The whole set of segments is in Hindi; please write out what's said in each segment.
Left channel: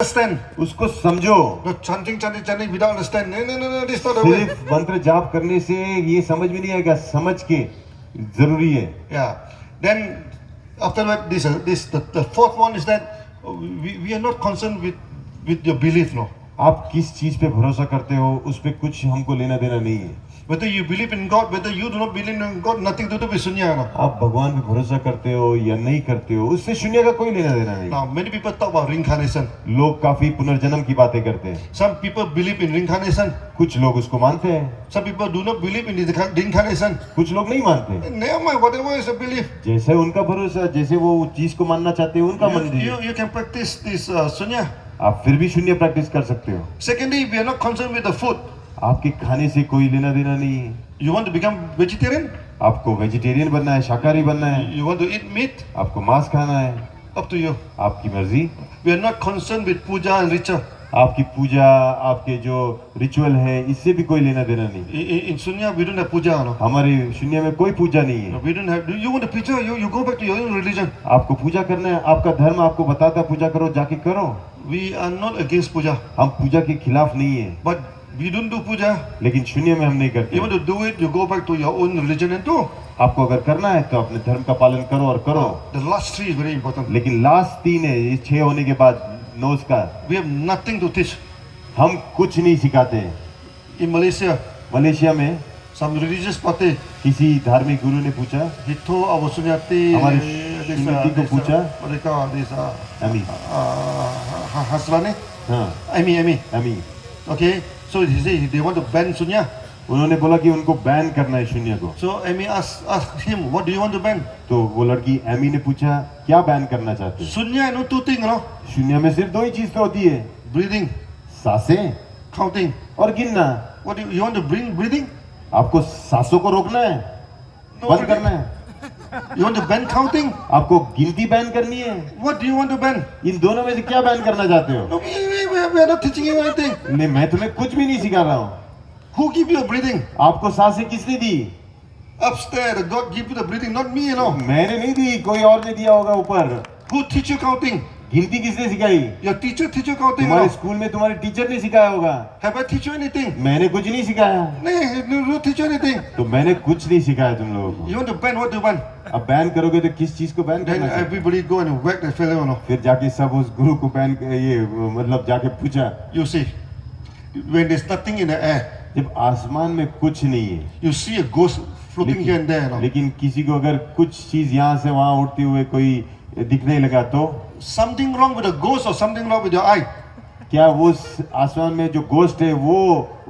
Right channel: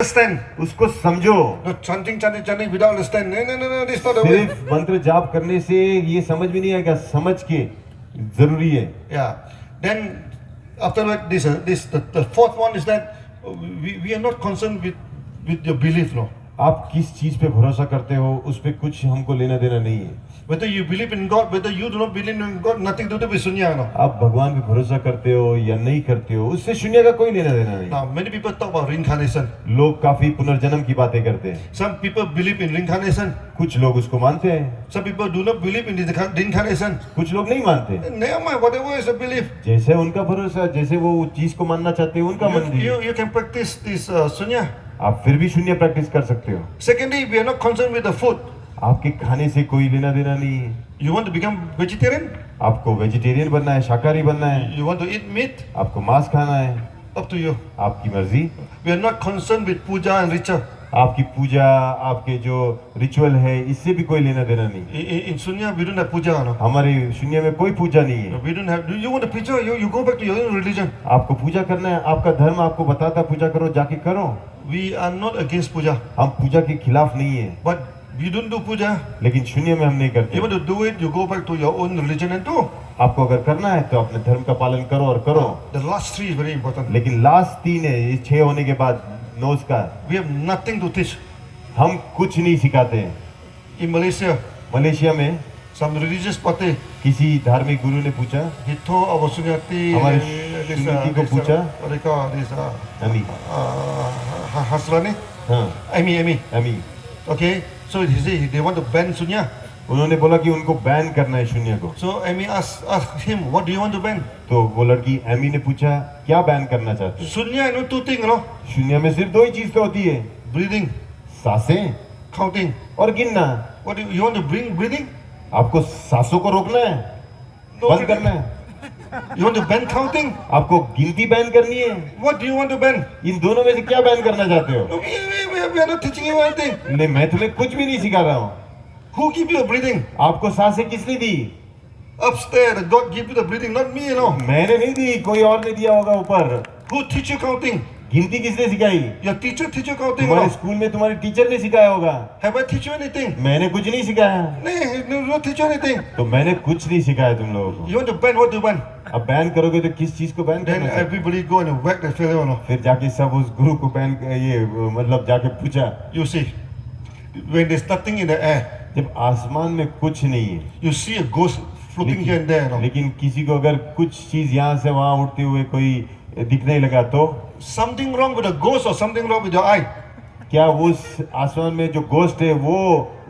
understand. उसको समझो। Not chanting without understand. No, this is not the way. सिर्फ मंत्र जाप करने से ये समझ में नहीं आएगा, समझ के जरूरी है। Yeah. Then after that, the fourth one is that we are not concerned with your belief, no. आप किस चीज पे भरोसा करते हो उस पे कुछ हमको लेना देना नहीं है। Whether you believe in God, whether you do not believe in God, nothing to do with sunya, no. आप भगवान पे भरोसा करते हो या नहीं करते हो उससे शून्य का कोई लेना देना नहीं। Now many people talk about reincarnation. लोग काफी पुनर्जन्म की बातें करते हैं। Some people believe in reincarnation. कुछ लोग उसको मानते हैं, Some people do not believe in reincarnation. कुछ लोग नहीं मानते। Never mind, whatever is a belief. जैसे उनका भरोसा, जैसे वो चीज को मानना चाहते हैं उनका मर्जी। You can practice this sunya. आप फिर भी शून्य प्रैक्टिस कर सकते हो। Secondly, we are not concerned with the food. आपके खाने से कोई लेना देना नहीं है। You want to become vegetarian? आपको वेजिटेरियन बनना है, शाकाहारी बनना है, You want to eat meat? आपको मांस खाना है, Up to you. आपकी मर्जी। We are not concerned with puja and ritual. आपकी पूजा, आपके जो रिचुअल है इससे भी कोई लेना देना नहीं। In sunya, we don't have puja, no. हमारे शून्य में कोई पूजा नहीं है। We don't have. Do you want to puja? You go back to your own religion. आपको पूजा करना है, आपका धर्म आपको बताता है पूजा करो, जाके करो। We are not against puja, हम पूजा के खिलाफ नहीं है, but we don't do puja. लेकिन शून्य में हम नहीं You करते। want to do it? You go back to your own religion and do. आपको अगर करना है तो अपने धर्म का पालन करो और करो। The last three is very important. लेकिन लास्ट 3 है, ये 6 होने के बाद 9 का We have nothing to teach. हम कुछ नहीं सिखाते हैं। In Malaysia, मलेशिया में some religious party, किसी धार्मिक गुरु ने पूछा, he told our sunyati, हमारे this, सुन्नति को पूछा, what they call this, अमी, Hasrani, हाँ, Amy. अमी, Okay, so he said they want to ban sunya. उन्होंने बोला कि उनको बैन करना है शून्य को। So Amy asked him, what do you want to ban? तो वो लड़की एमी ने पूछा क्या बैन करना चाहते हो? Sunya, no, two things, no? शून्य में सिर्फ 2 ही चीज तो होती है, Breathing, सांसें counting. और गिनना। What do you want to bring breathing? आपको सांसों को रोकना है, No बंद breathing. करना है, You want to ban counting? आपको गिनती बैन करनी है। What do you want to ban? इन दोनों में से क्या बैन करना चाहते हो? No, we are not teaching you anything. नहीं, मैं तुम्हें कुछ भी नहीं सिखा रहा हूँ। Who give you a breathing? आपको सांसें किसने दी? Upstairs, God give you the breathing, not me, you know. मैंने नहीं दी, कोई और ने दिया होगा ऊपर। Who teach you counting? गिनती किसने सिखाई? Your teacher teach you counting, तुम्हारे no? स्कूल में तुम्हारे टीचर ने सिखाया होगा। Have I teach you anything? मैंने कुछ नहीं सिखाया। No, no teach you anything. तो मैंने कुछ नहीं सिखाया तुम लोगों को। You want to ban, what to ban? अब बैन करोगे तो किस चीज को बैन Then करना चाहते हो? everybody go and whack the fellow, no? फिर जाके सब उस गुरु को बैन ये मतलब जाके पूछा। You see, when there's nothing in the air, जब आसमान में कुछ नहीं है, you see a ghost floating here and there, no? लेकिन किसी को अगर कुछ चीज यहाँ से वहाँ उड़ते हुए कोई दिखने लगा तो Something wrong with the ghost or something wrong with your eye? क्या वो उस आसमान में जो गोस्ट है वो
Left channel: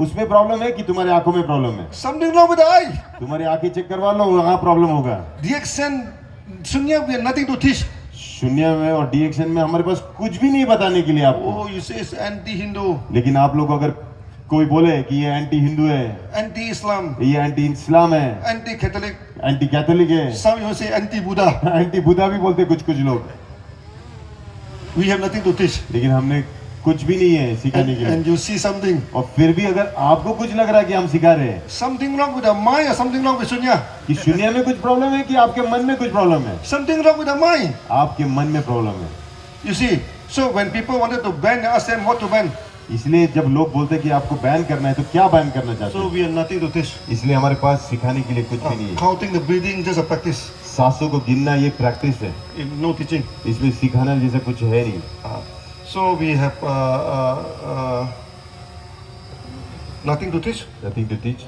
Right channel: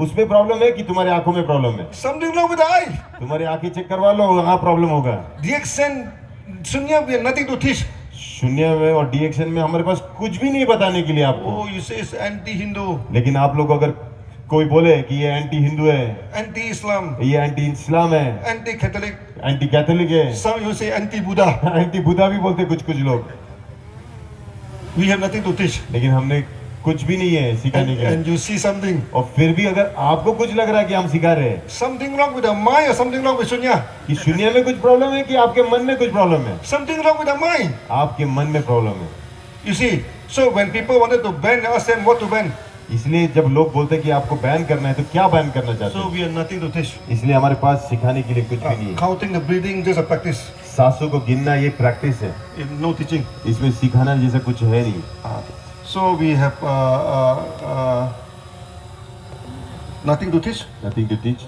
उसमें प्रॉब्लम है कि तुम्हारी आंखों में प्रॉब्लम है? Something wrong with the eye. तुम्हारी आंखें चेक करवा लो, वहाँ प्रॉब्लम होगा। DXN, Sunya, we have nothing to teach. शून्य में और डीएक्शन में हमारे पास कुछ भी नहीं बताने के लिए आपको। Oh, you say it's anti-Hindu, लेकिन आप लोग अगर कोई बोले कि ये एंटी हिंदू है, anti-Islam, ये एंटी इस्लाम है, anti-Catholic, एंटी कैथोलिक है, some you say anti-Buddha. Anti Buddha भी बोलते कुछ लोग, We have nothing to teach. लेकिन हमने कुछ भी नहीं है सिखाने के लिए। And you see something. और फिर भी अगर आपको कुछ लग रहा है कि हम सिखा रहे हैं Something wrong with the mind or something wrong with Sunya. कि शून्य में कुछ प्रॉब्लम है कि आपके मन में कुछ प्रॉब्लम है? Something wrong with the mind. आपके मन में प्रॉब्लम है। You see, so when people wanted to ban, I asked them what to ban. इसलिए जब लोग बोलते हैं कि आपको बैन करना है तो क्या बैन करना चाहते So हैं? we have nothing to teach. इसलिए हमारे पास सिखाने के लिए कुछ भी नहीं है। Counting the breathing, just a practice. सांसों को गिनना ये प्रैक्टिस है, No teaching. इसमें सिखाना जैसा कुछ है नहीं। So we have nothing to teach, Nothing to teach,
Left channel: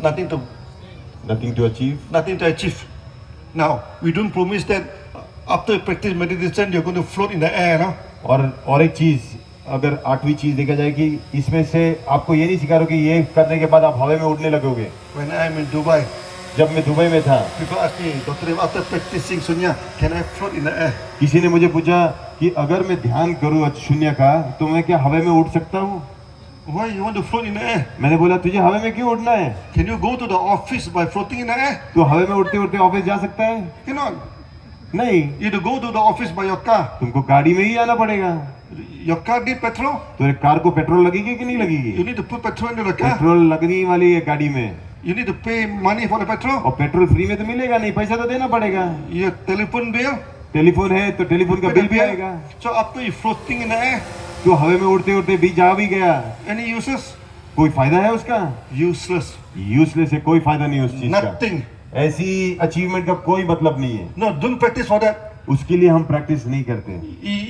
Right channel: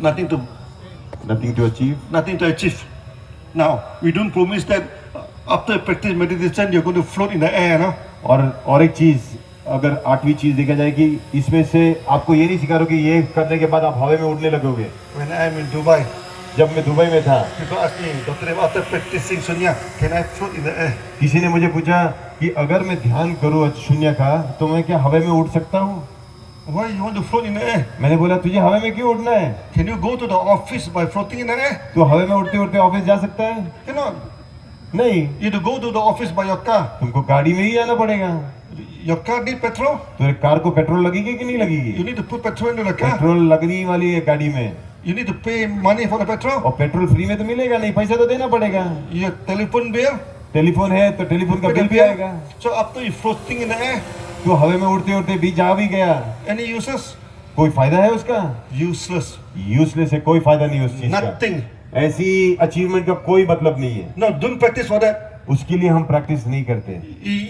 nothing to nothing to achieve. nothing to achieve. Now we don't promise that after practice meditation you're going to float in the air, no? और एक चीज, अगर 8वीं चीज देखा जाए कि इसमें से आपको ये नहीं सिखा रहा कि ये करने के बाद आप हवा में उड़ने लगोगे। When I'm in Dubai, जब मैं दुबई में था, people ask me, Dr. Dev, after practicing Sunya, can I float in the air? किसी ने मुझे पूछा कि अगर मैं ध्यान करूँ शून्य का तो मैं क्या हवा में उड़ सकता हूँ? Why you want to float in the air? मैंने बोला तुझे हवा में क्यों उड़ना है? Can you go to the office by floating in the air? तू हवा में उड़ते उड़ते ऑफिस जा सकता है? Cannot. नहीं, You have to go to the office by your car. तुमको गाड़ी में ही आना पड़ेगा। Your car need petrol. तो कार को पेट्रोल लगेगी कि नहीं You लगेगी? need to put petrol into the car. Petrol लगनी वाली है गाड़ी में, You need to pay money for the petrol. और पेट्रोल फ्री में तो मिलेगा नहीं, पैसा तो देना पड़ेगा। Your telephone bill, टेलीफोन है तो टेलीफोन का बिल भी आएगा। So after you floating in the air, तो हवा में उड़ते उड़ते भी जा भी गया, any uses? कोई फायदा है उसका? Useless. यूजलेस है, कोई फायदा नहीं उस चीज का। Nothing. ऐसी अचीवमेंट का कोई मतलब नहीं है। No, don't practice for that. उसके लिए हम प्रैक्टिस नहीं करते।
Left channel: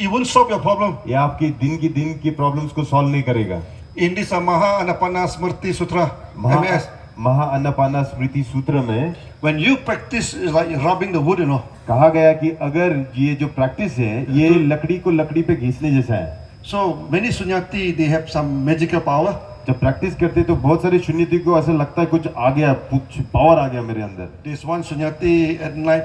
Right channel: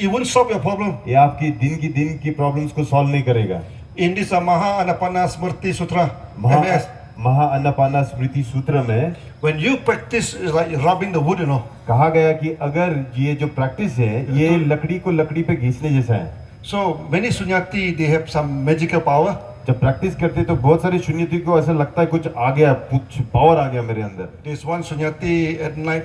It won't solve your problem. ये आपकी दिन की प्रॉब्लम्स को सॉल्व नहीं करेगा। In this Maha Anapana Smriti Sutra, MS, महा अन्नपाना स्मृति सूत्र में when you practice, it's like rubbing the wood, you know. कहा गया कि अगर ये जो प्रैक्टिस है ये लकड़ी को लकड़ी पे घिसने जैसा है। So many sunyati, they have some magical power. जब प्रैक्टिस करते तो बहुत सारे शून्यति को ऐसा लगता है कुछ आ गया, कुछ पावर आ गया मेरे अंदर। There's one sunyati at night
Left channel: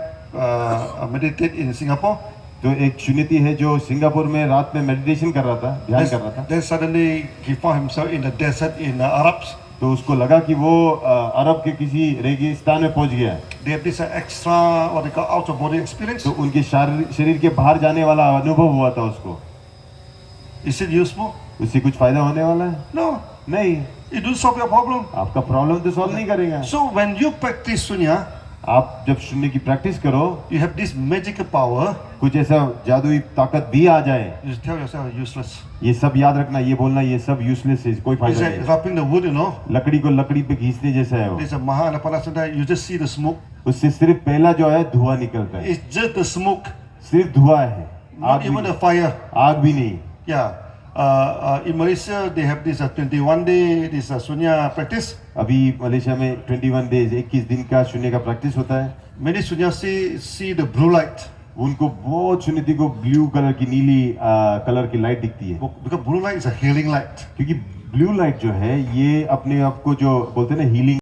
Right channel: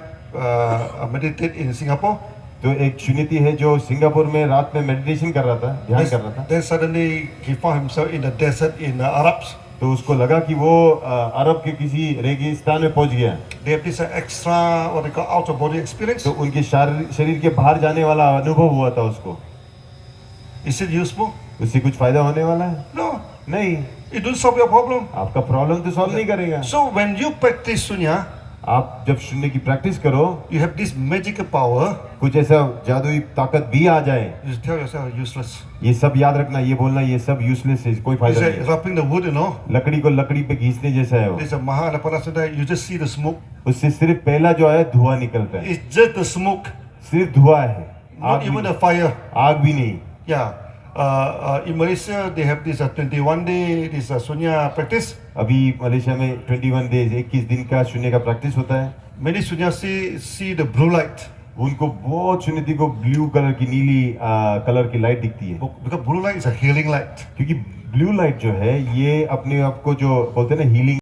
meditate in Singapore. तो एक शून्यति है जो सिंगापुर में रात में मेडिटेशन कर रहा था, ध्यान कर रहा था। Then suddenly he found himself in the desert in Arabs. तो उसको लगा कि वो अरब के किसी रेगिस्तान में पहुंच गया। They have this extra what they call out of body experience. तो उनके शरीर के बाहर जाने वाला अनुभव हुआ था उसको। Is it useful? उससे कुछ फायदा होने वाला है? No. नहीं। It don't solve your problem. आपका प्रॉब्लम तो सॉल्व नहीं करेगा। So when you practice sunya, आप जब शून्य की प्रैक्टिस करो, you have this magical power. कुछ ऐसा जादुई ताकत भी आ जाए, You tell yourself useless. ये सब याद रखना, ये बोलना ये सब यूजलेस है, कोई It's फायदा like नहीं। rubbing the wood, you know. लकड़ी को लकड़ी पे घिसने जैसा है वो। There's a Mahanapana Sutta, you just see the smoke. उससे सिर्फ पहला जो है धुआं निकलता है, It's just the smoke, सिर्फ धुआं है, not आग भी even the नहीं, fire. आग भी नहीं। Yeah. In Malaysia, they have this 21 day, this sunya practice. अभी मलेशिया में 21 डेज 21 दिन का शून्य का प्रैक्टिस होता है। Many sunyasi see the blue light. उनको बहुत शून्यति को ब्लू कलर की नीली कलर की लाइट दिखती है, Because blue light is a healing light. क्योंकि ब्लू लाइट जो है ये अपने आप को जो बोलते हैं ना हीलिंग